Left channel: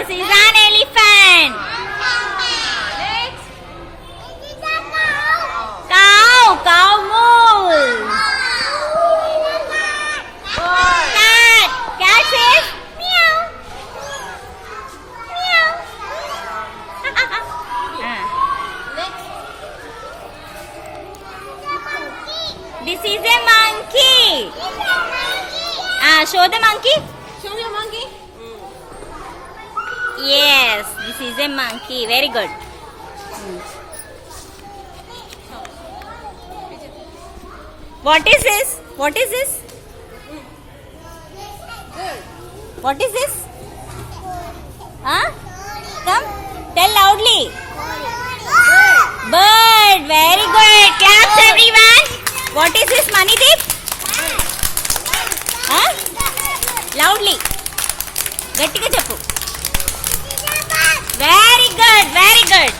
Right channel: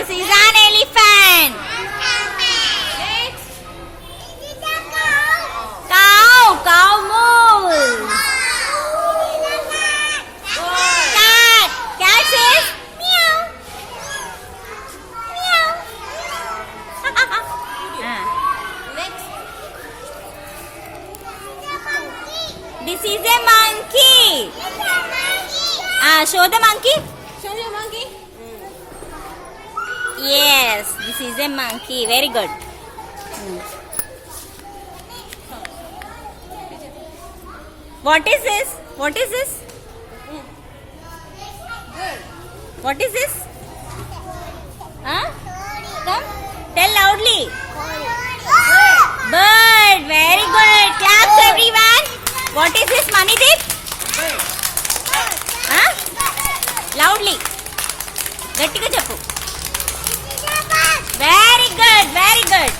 This is an elephant. Cow. Cow moves. Cat. Cat says meow. Meow. This is a monkey. Show the monkey. Show your monkey. Yes, this is a monkey. Very good. What is this? What is this? What is this? Huh? Come, tell loudly. Bird. Very good. Claps everyone. What is this, Manideep? Huh? Loudly. గట్టిగా చెప్పు. Very good. Very good.